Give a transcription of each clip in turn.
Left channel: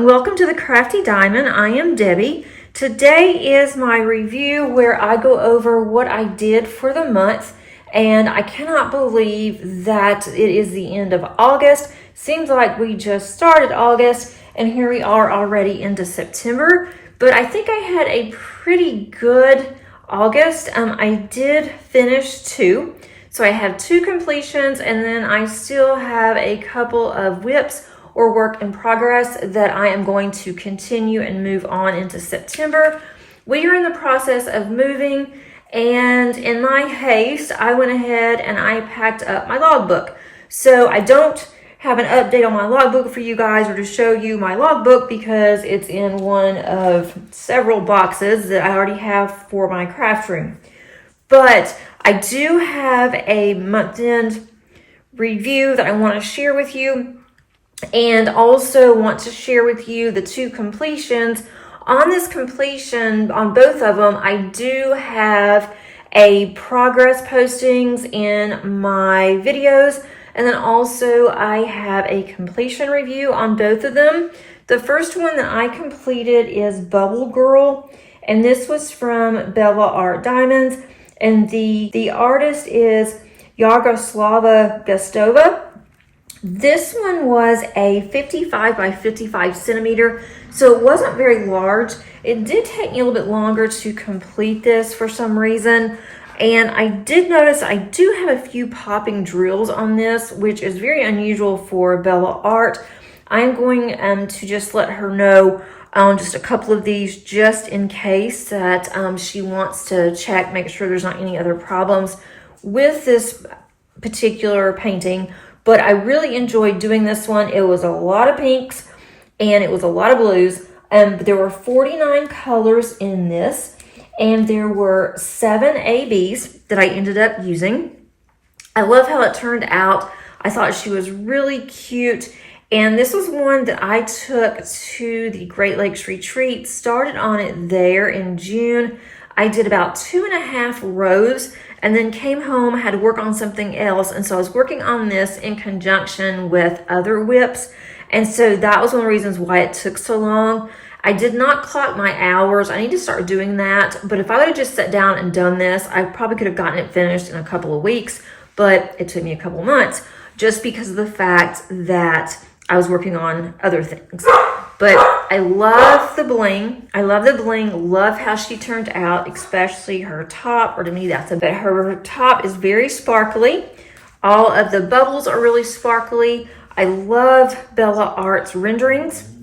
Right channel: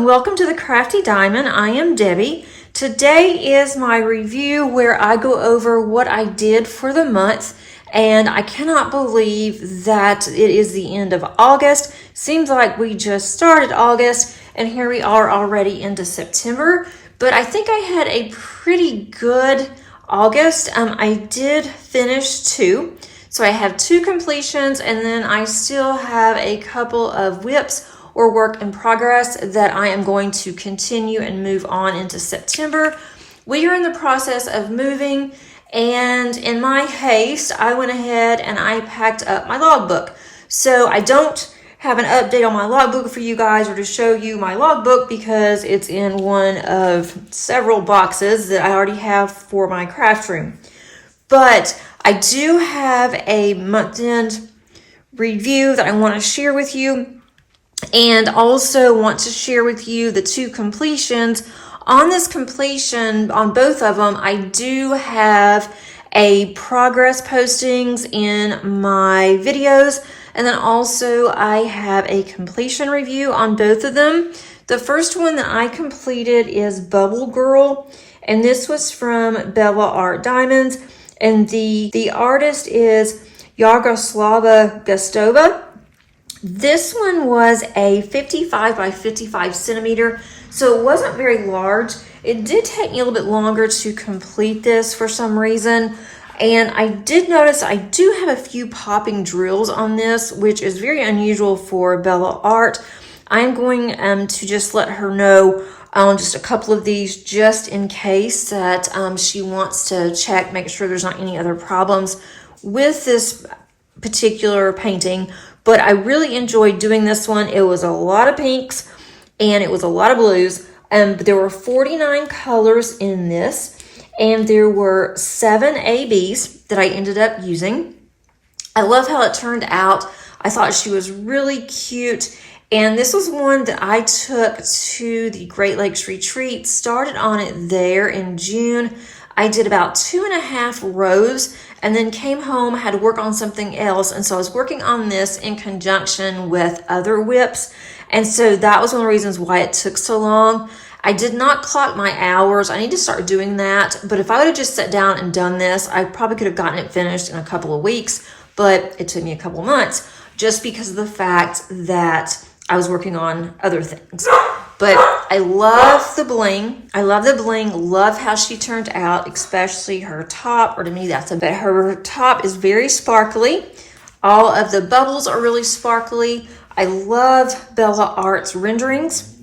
and welcome to the Crafty Diamond. I am Debbie. Today is my review where I go over what I did for the month, and I cannot believe that it is the end of August. Seems like we just started August and here we are already into September, but I think I had a pretty good August. I did finish 2. So I have 2 completions, and then I still have a couple of whips or work in progress that I am going to continue and move on into September. We are in the process of moving, and in my haste, I went ahead and I packed up my logbook. So I don't have an update on my logbook for you guys or to show you my logbook because it's in one of several boxes that I already have for my craft room. But I do have a month-end review that I want to share with you, and also want to share with you the 2 completions. On this completion, on both of them, I do have a progress postings in my videos, and then also I have a completion review on both of them. The first one that I completed is Bubble Girl, and this was from Bella Art Diamonds. And the artist is Yaroslava Gustova. This one was a 55 by 55 centimeter, so it wasn't very large. It did take me a little bit longer to complete this for some reason. And I did notice I do have a few popping drills on this, which is very unusual for Bella Art. I'm going to just let her know on just a couple of these just in case that she wants to check, make sure there's not any other problems with this particular painting. But I really enjoyed doing this one. It was a lot of pinks and it was a lot of blues. There were 49 colors in this, and there were 7 ABs that I ended up using. I love how it turned out. I thought she was really cute. And this was one that I took to the Great Lakes Retreat, started on it there in June. I did about 2.5 rows and then came home, had to work on something else. And so I was working on this in conjunction with other whips. And so that was one of the reasons why it took so long. I did not clock my hours. I need to start doing that. But if I would have just sat down and done this, I probably could have gotten it finished in a couple of weeks, but it took me a couple of months just because of the fact that I was working on other things. But I love the bling. I love the bling. Love how she turned out, especially her top, or to me that's a bit. Her top is very sparkly. All of the bubbles are really sparkly. I love Bella Art's renderings.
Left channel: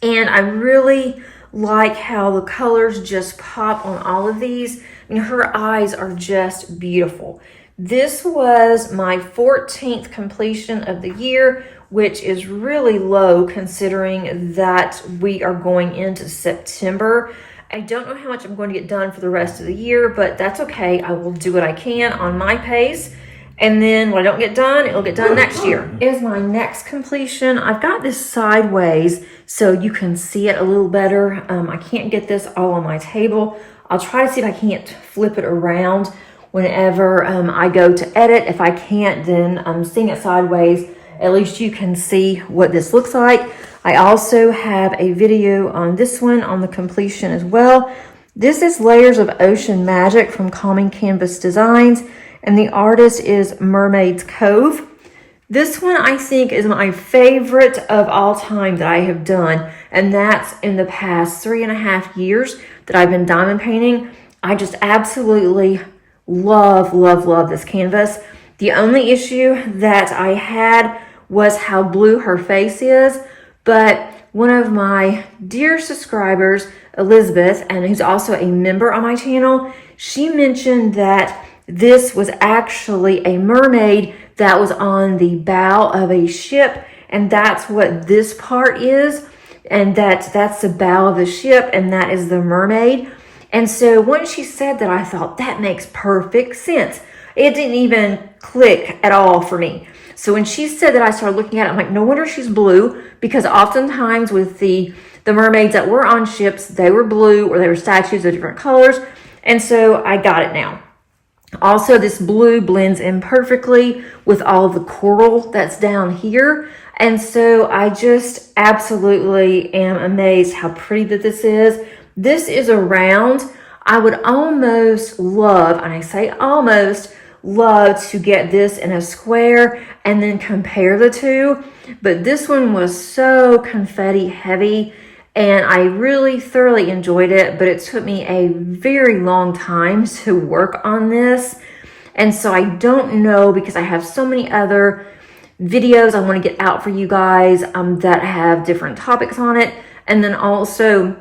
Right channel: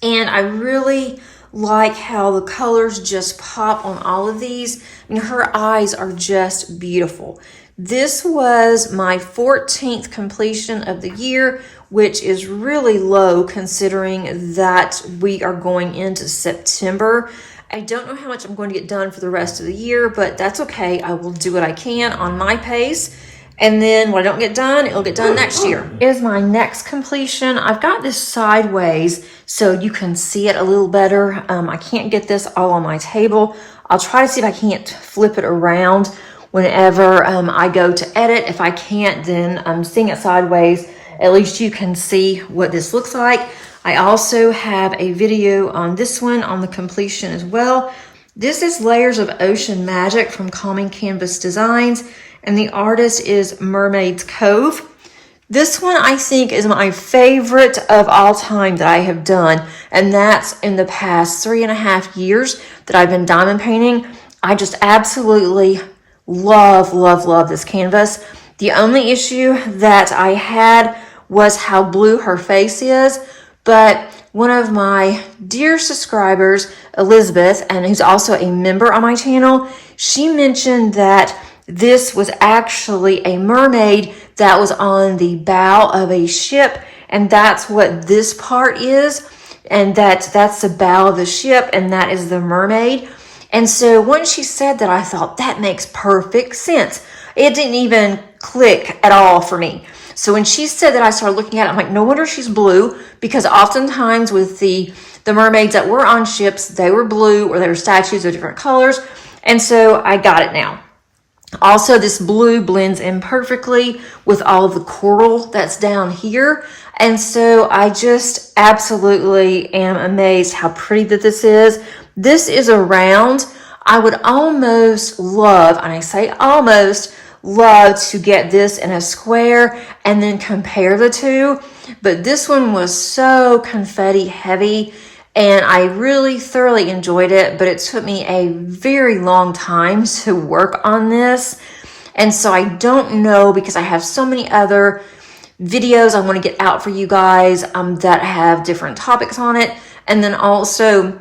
And I really like how the colors just pop on all of these. I mean, her eyes are just beautiful. This was my 14th completion of the year, which is really low considering that we are going into September. I don't know how much I'm going to get done for the rest of the year, but that's okay. I will do what I can on my pace. And then when I don't get done, it'll get done next year. Is my next completion. I've got this sideways so you can see it a little better. I can't get this all on my table. I'll try to see if I can't flip it around whenever I go to edit. If I can't, then I'm seeing it sideways. At least you can see what this looks like. I also have a video on this one on the completion as well. This is Layers of Ocean Magic from Calming Canvas Designs, and the artist is Mermaid's Cove. This one I think is my favorite of all time that I have done, and that's in the past 3.5 years that I've been diamond painting. I just absolutely love, love, love this canvas. The only issue that I had was how blue her face is, but one of my dear subscribers, Elizabeth, and who's also a member on my channel, she mentioned that this was actually a mermaid that was on the bow of a ship, and that's what this part is, and that's the bow of the ship, and that is the mermaid. And so once she said that, I thought that makes perfect sense. It didn't even click at all for me. So when she said that, I started looking at it. I'm like, no wonder she's blue, because oftentimes with the mermaids that were on ships, they were blue or they were statues of different colors. And so I got it now. Also, this blue blends in perfectly with all of the coral that's down here. And so I just absolutely am amazed how pretty that this is. This is a round. I would almost love, and I say almost, love to get this in a square and then compare the two. But this one was so confetti heavy and I really thoroughly enjoyed it, but it took me a very long time to work on this. And so I don't know, because I have so many other videos I want to get out for you guys that have different topics on it. And then also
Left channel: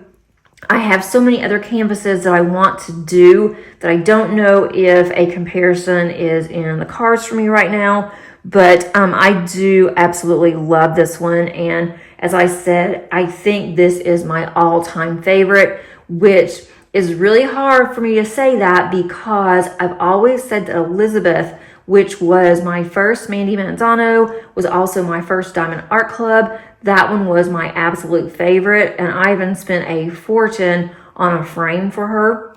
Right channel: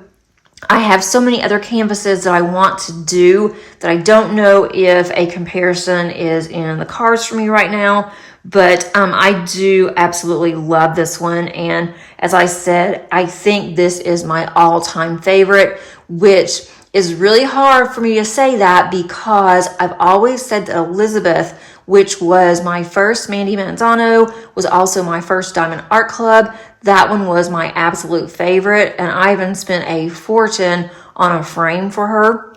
I have so many other canvases that I want to do that I don't know if a comparison is in the cards for me right now. But I do absolutely love this one. And as I said, I think this is my all-time favorite, which is really hard for me to say that because I've always said that Elizabeth, which was my first Mandy Manzano, was also my first Diamond Art Club. That one was my absolute favorite, and I even spent a fortune on a frame for her.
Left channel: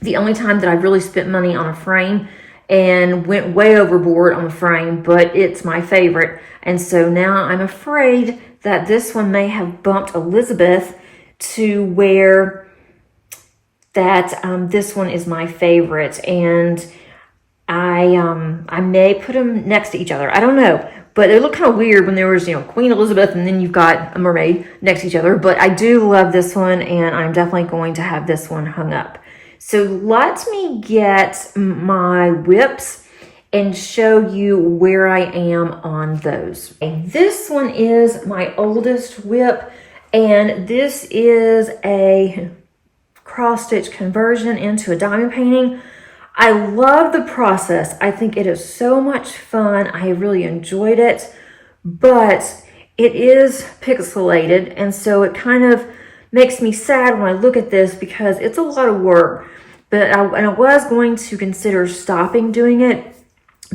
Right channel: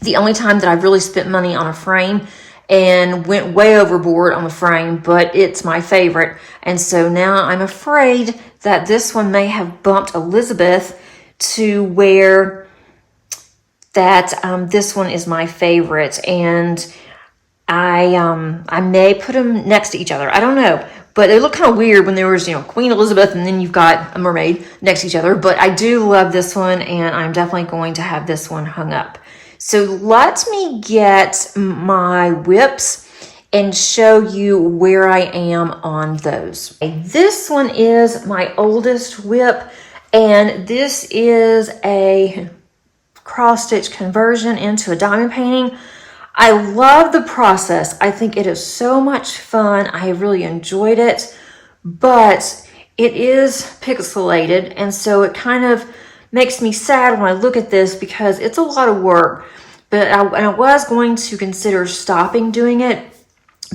The only time that I've really spent money on a frame and went way overboard on the frame, but it's my favorite. And so now I'm afraid that this one may have bumped Elizabeth to where that this one is my favorite. And I may put them next to each other. I don't know. But it looked kind of weird when there was, Queen Elizabeth and then you've got a mermaid next to each other. But I do love this one, and I'm definitely going to have this one hung up. So let me get my whips and show you where I am on those. This one is my oldest whip, and this is a cross-stitch conversion into a diamond painting. I love the process. I think it is so much fun. I really enjoyed it, but it is pixelated, and so it kind of makes me sad when I look at this because it's a lot of work. But I was going to consider stopping doing it,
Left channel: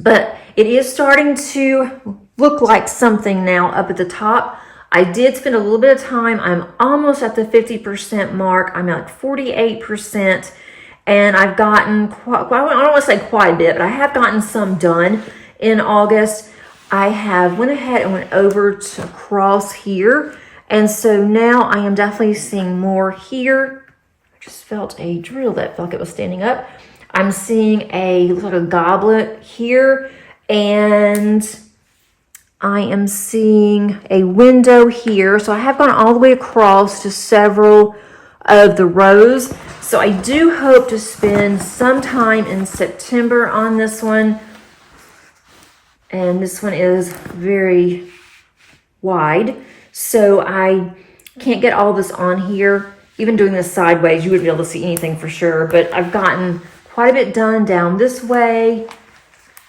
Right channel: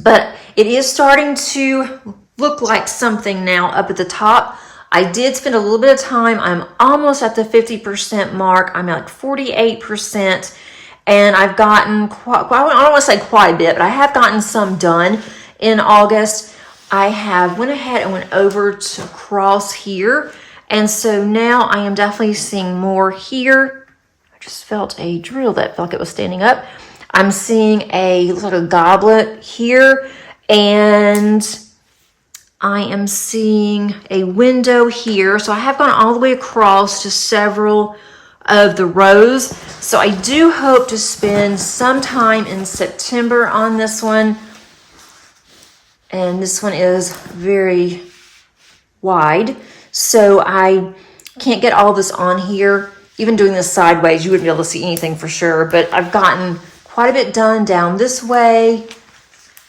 but it is starting to look like something now up at the top. I did spend a little bit of time. I'm almost at the 50% mark. I'm at 48%. And I've gotten I don't want to say quite a bit, but I have gotten some done in August. I have went ahead and went over to cross here. And so now I am definitely seeing more here. I just felt a drill that felt like it was standing up. I'm seeing a little goblet here. And I am seeing a window here. So I have gone all the way across to several of the rows. So I do hope to spend some time in September on this one. And this one is very wide, so I can't get all this on here. Even doing this sideways, you wouldn't be able to see anything for sure, but I've gotten quite a bit done down this way.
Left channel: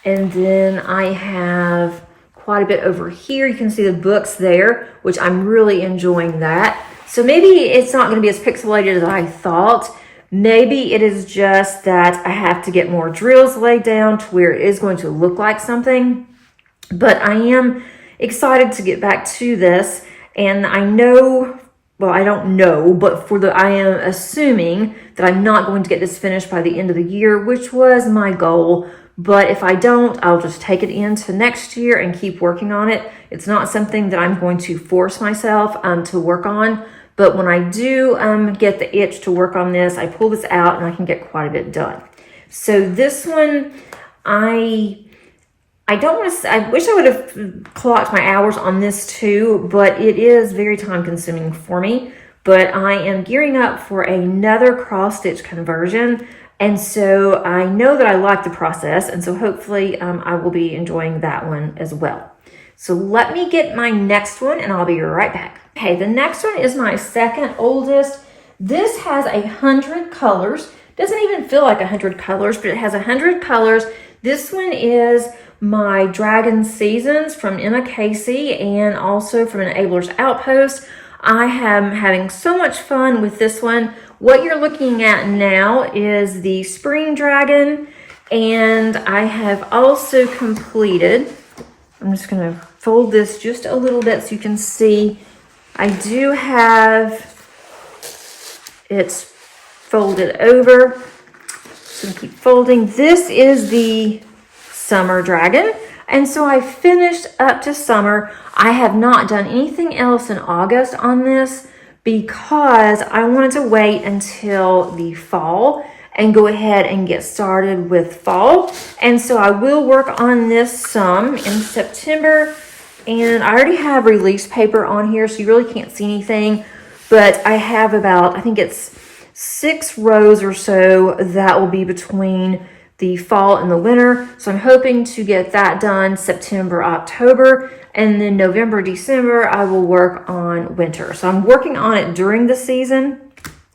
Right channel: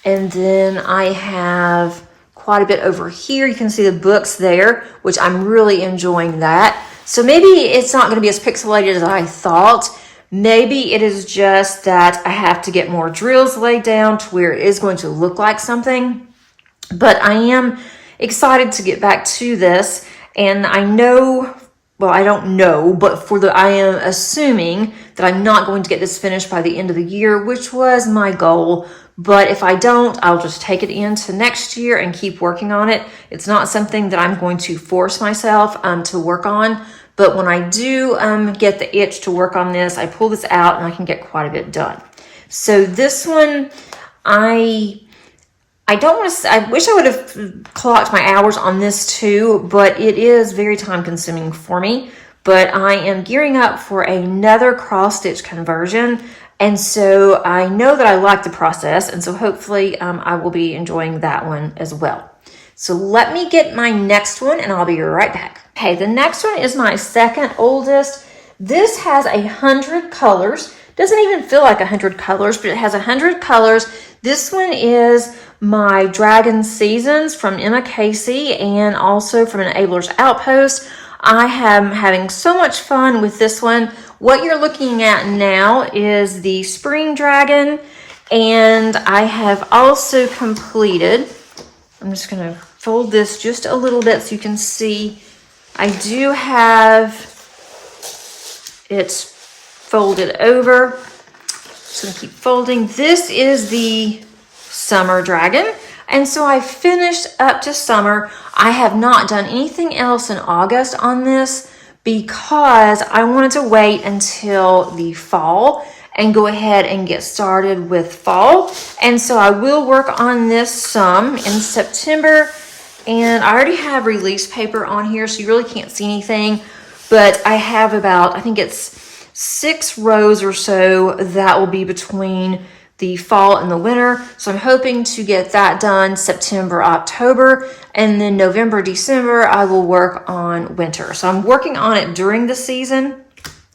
And then I have quite a bit over here. You can see the books there, which I'm really enjoying that. So maybe it's not going to be as pixelated as I thought. Maybe it is just that I have to get more drills laid down to where it is going to look like something. But I am excited to get back to this. And I know, well, I don't know, but I am assuming that I'm not going to get this finished by the end of the year, which was my goal. But if I don't, I'll just take it into next year and keep working on it. It's not something that I'm going to force myself to work on. But when I do get the itch to work on this, I pull this out and I can get quite a bit done. So this one, I don't want to, I wish I would have clocked my hours on this too, but it is very time consuming for me. But I am gearing up for another cross stitch conversion. And so I know that I like the process. And so hopefully I will be enjoying that one as well. So let me get my next one and I'll be right back. Okay, the next one is my second oldest. This has 100 colors. Doesn't even feel like 100 colors, but it has 100 colors. This one is my Dragon Seasons from Emma Casey and also from Enabler's Outpost. I am having so much fun with this one. What you're looking at now is the Spring Dragon, and I have also completed, I'm just going to fold this just a little bit so you can see. I do have it folded over. So gonna keep folding. This is the Summer Dragon. And so I finished up to summer. I have not done anything else in August on this because I wanted to wait until the fall and go ahead and get started with fall. And so I will work on this some in September. And I already have release paper on here, so you really can't see anything. But I have about, I think it's 6 rows or so that will be between the fall and the winter. So I'm hoping to get that done September, October, and then November, December, I will work on winter. So I'm working on it during the season.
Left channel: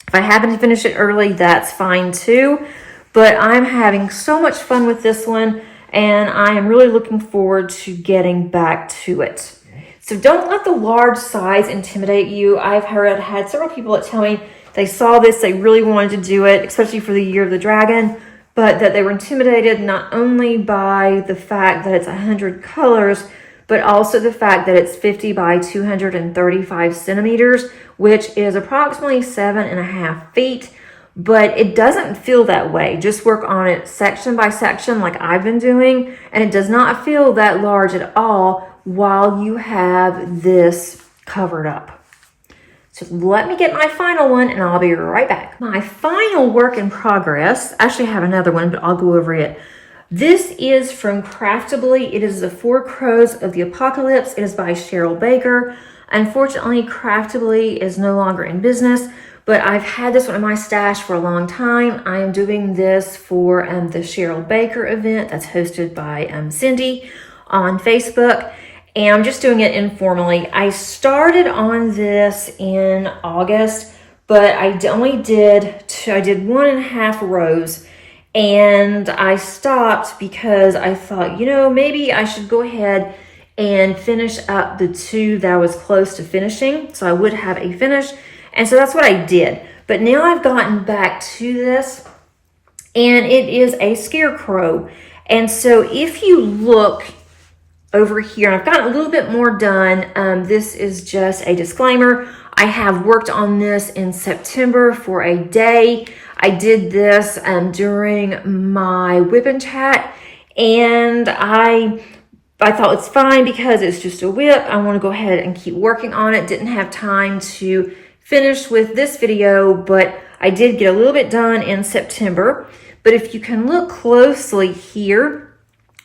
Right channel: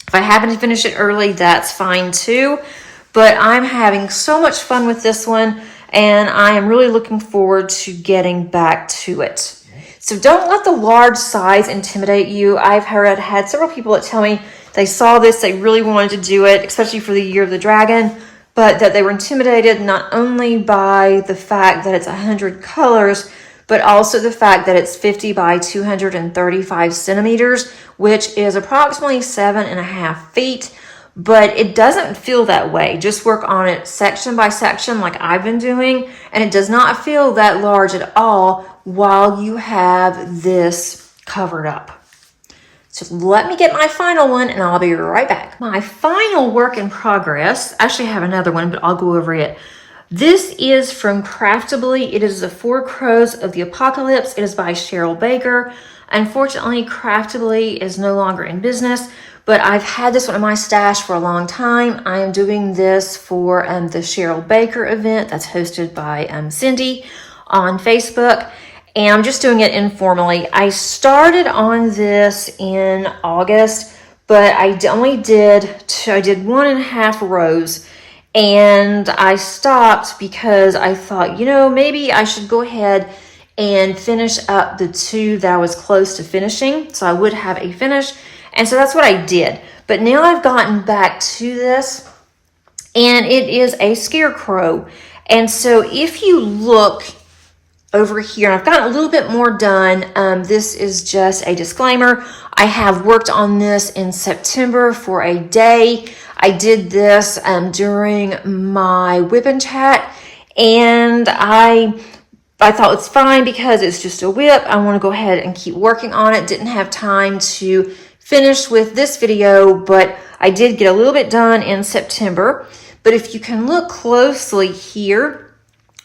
If I happen to finish it early, that's fine too. But I'm having so much fun with this one, and I am really looking forward to getting back to it. So don't let the large size intimidate you. I've had several people that tell me they saw this, they really wanted to do it, especially for the Year of the Dragon, but that they were intimidated not only by the fact that it's 100 colors, but also the fact that it's 50 by 235 centimeters, which is approximately 7.5 feet. But it doesn't feel that way. Just work on it section by section like I've been doing, and it does not feel that large at all while you have this covered up. So let me get my final one and I'll be right back. My final work in progress, actually I have another one, but I'll go over it. This is from Craftably. It is The Four Crows of the Apocalypse. It is by Cheryl Baker. Unfortunately, Craftably is no longer in business, but I've had this one in my stash for a long time. I am doing this for the Cheryl Baker event that's hosted by Cindy on Facebook. And I'm just doing it informally. I started on this in August, but I did 1.5 rows, and I stopped because I thought, maybe I should go ahead and finish up the 2 that I was close to finishing, so I would have a finish. And so that's what I did. But now I've gotten back to this, and it is a scarecrow. And so if you look over here, I've got a little bit more done. This is just a disclaimer. I have worked on this in September for a day. I did this during my whip and chat, and I thought it's fine because it's just a whip. I want to go ahead and keep working on it. Didn't have time to finish with this video, but I did get a little bit done in September. But if you can look closely here,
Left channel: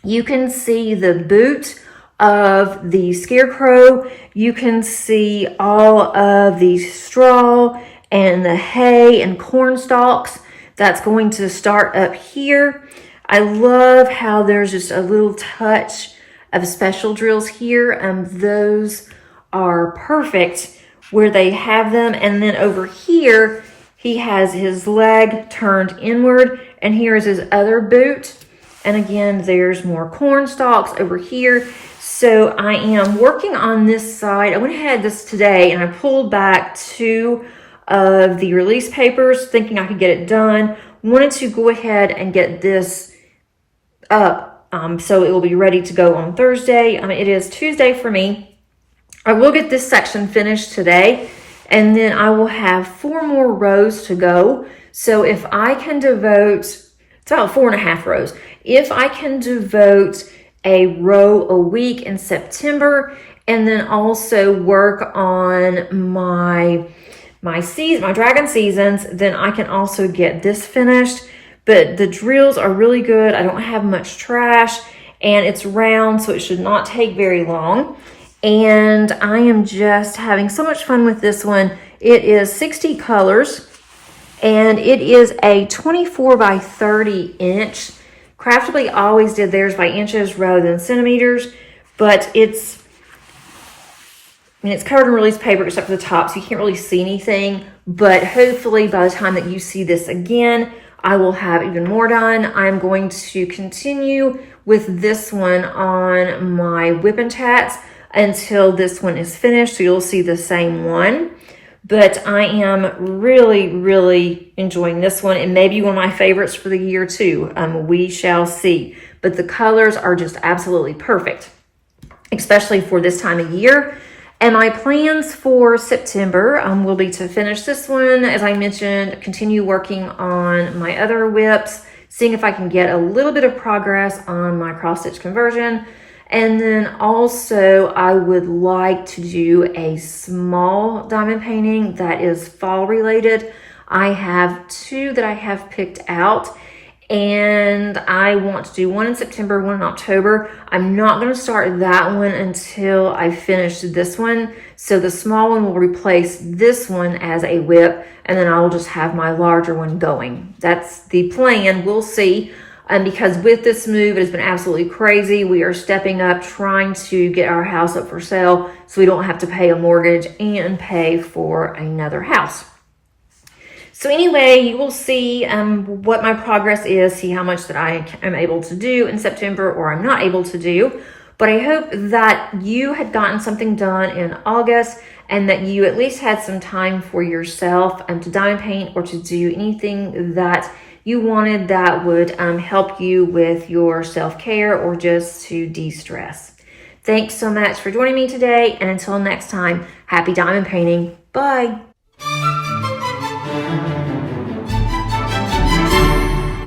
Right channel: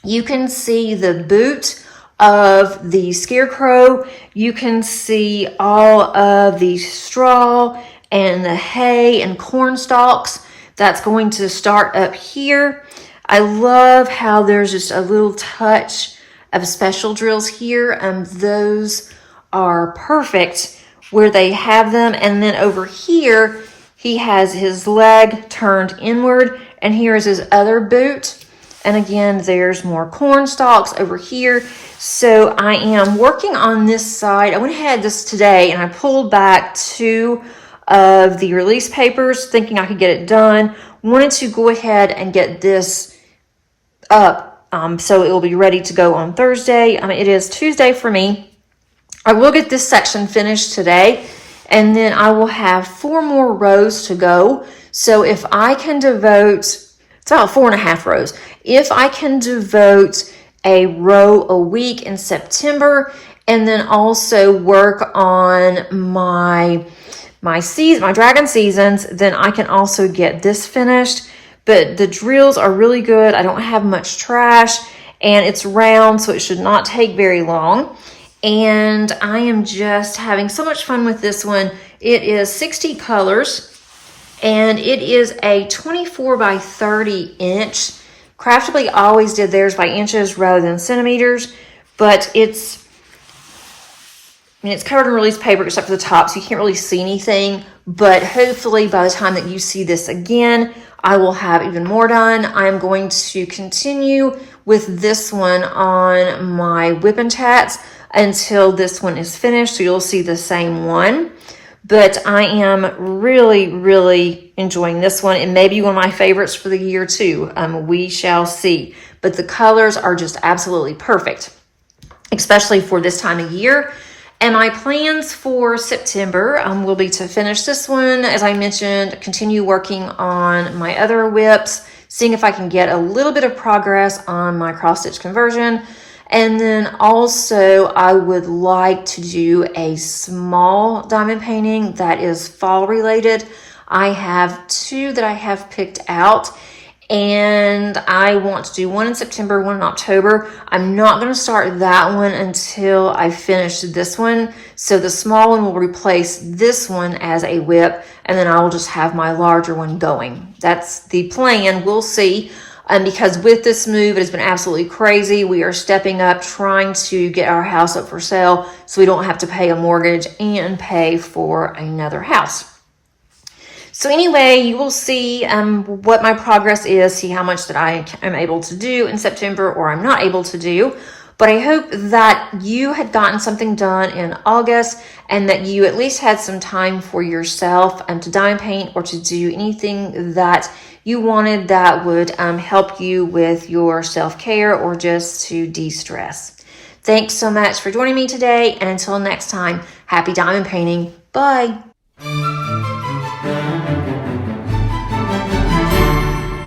you can see the boot of the scarecrow. You can see all of the straw and the hay and corn stalks that's going to start up here. I love how there's just a little touch of special drills here. Those are perfect where they have them. And then over here, he has his leg turned inward, and here is his other boot. And again, there's more corn stalks over here. So I am working on this side. I went ahead this today and I pulled back 2 of the release papers thinking I could get it done. Wanted to go ahead and get this up so it will be ready to go on Thursday. It is Tuesday for me. I will get this section finished today, and then I will have 4 more rows to go. So if I can devote, it's about 4.5 rows. If I can devote a row a week in September, and then also work on my dragon seasons, then I can also get this finished. But the drills are really good. I don't have much trash, and it's round, so it should not take very long. And I am just having so much fun with this one. It is 60 colors, and it is a 24 by 30 inch. Craftably always did theirs by inches rather than centimeters, but it's covered in release paper except for the top, so you can't really see anything. But hopefully by the time that you see this again, I will have even more done. I'm going to continue with this one on my whip and chats until this one is finished, so you'll see the same one. But I am really, really enjoying this one, and maybe one of my favorites for the year too. We shall see. But the colors are just absolutely perfect, especially for this time of year. And my plans for September will be to finish this one, as I mentioned, continue working on my other whips, seeing if I can get a little bit of progress on my cross stitch conversion. And then also I would like to do a small diamond painting that is fall related. I have 2 that I have picked out, and I want to do one in September, one in October. I'm not going to start that one until I finish this one. So the small one will replace this one as a whip, and then I will just have my larger one going. That's the plan. We'll see. Because with this move, it has been absolutely crazy. We are stepping up, trying to get our house up for sale so we don't have to pay a mortgage and pay for another house. So anyway, you will see what my progress is, see how much that I am able to do in September or I'm not able to do. But I hope that you had gotten something done in August and that you at least had some time for yourself to diamond paint or to do anything that you wanted that would help you with your self-care or just to de-stress. Thanks so much for joining me today, and until next time, happy diamond painting. Bye.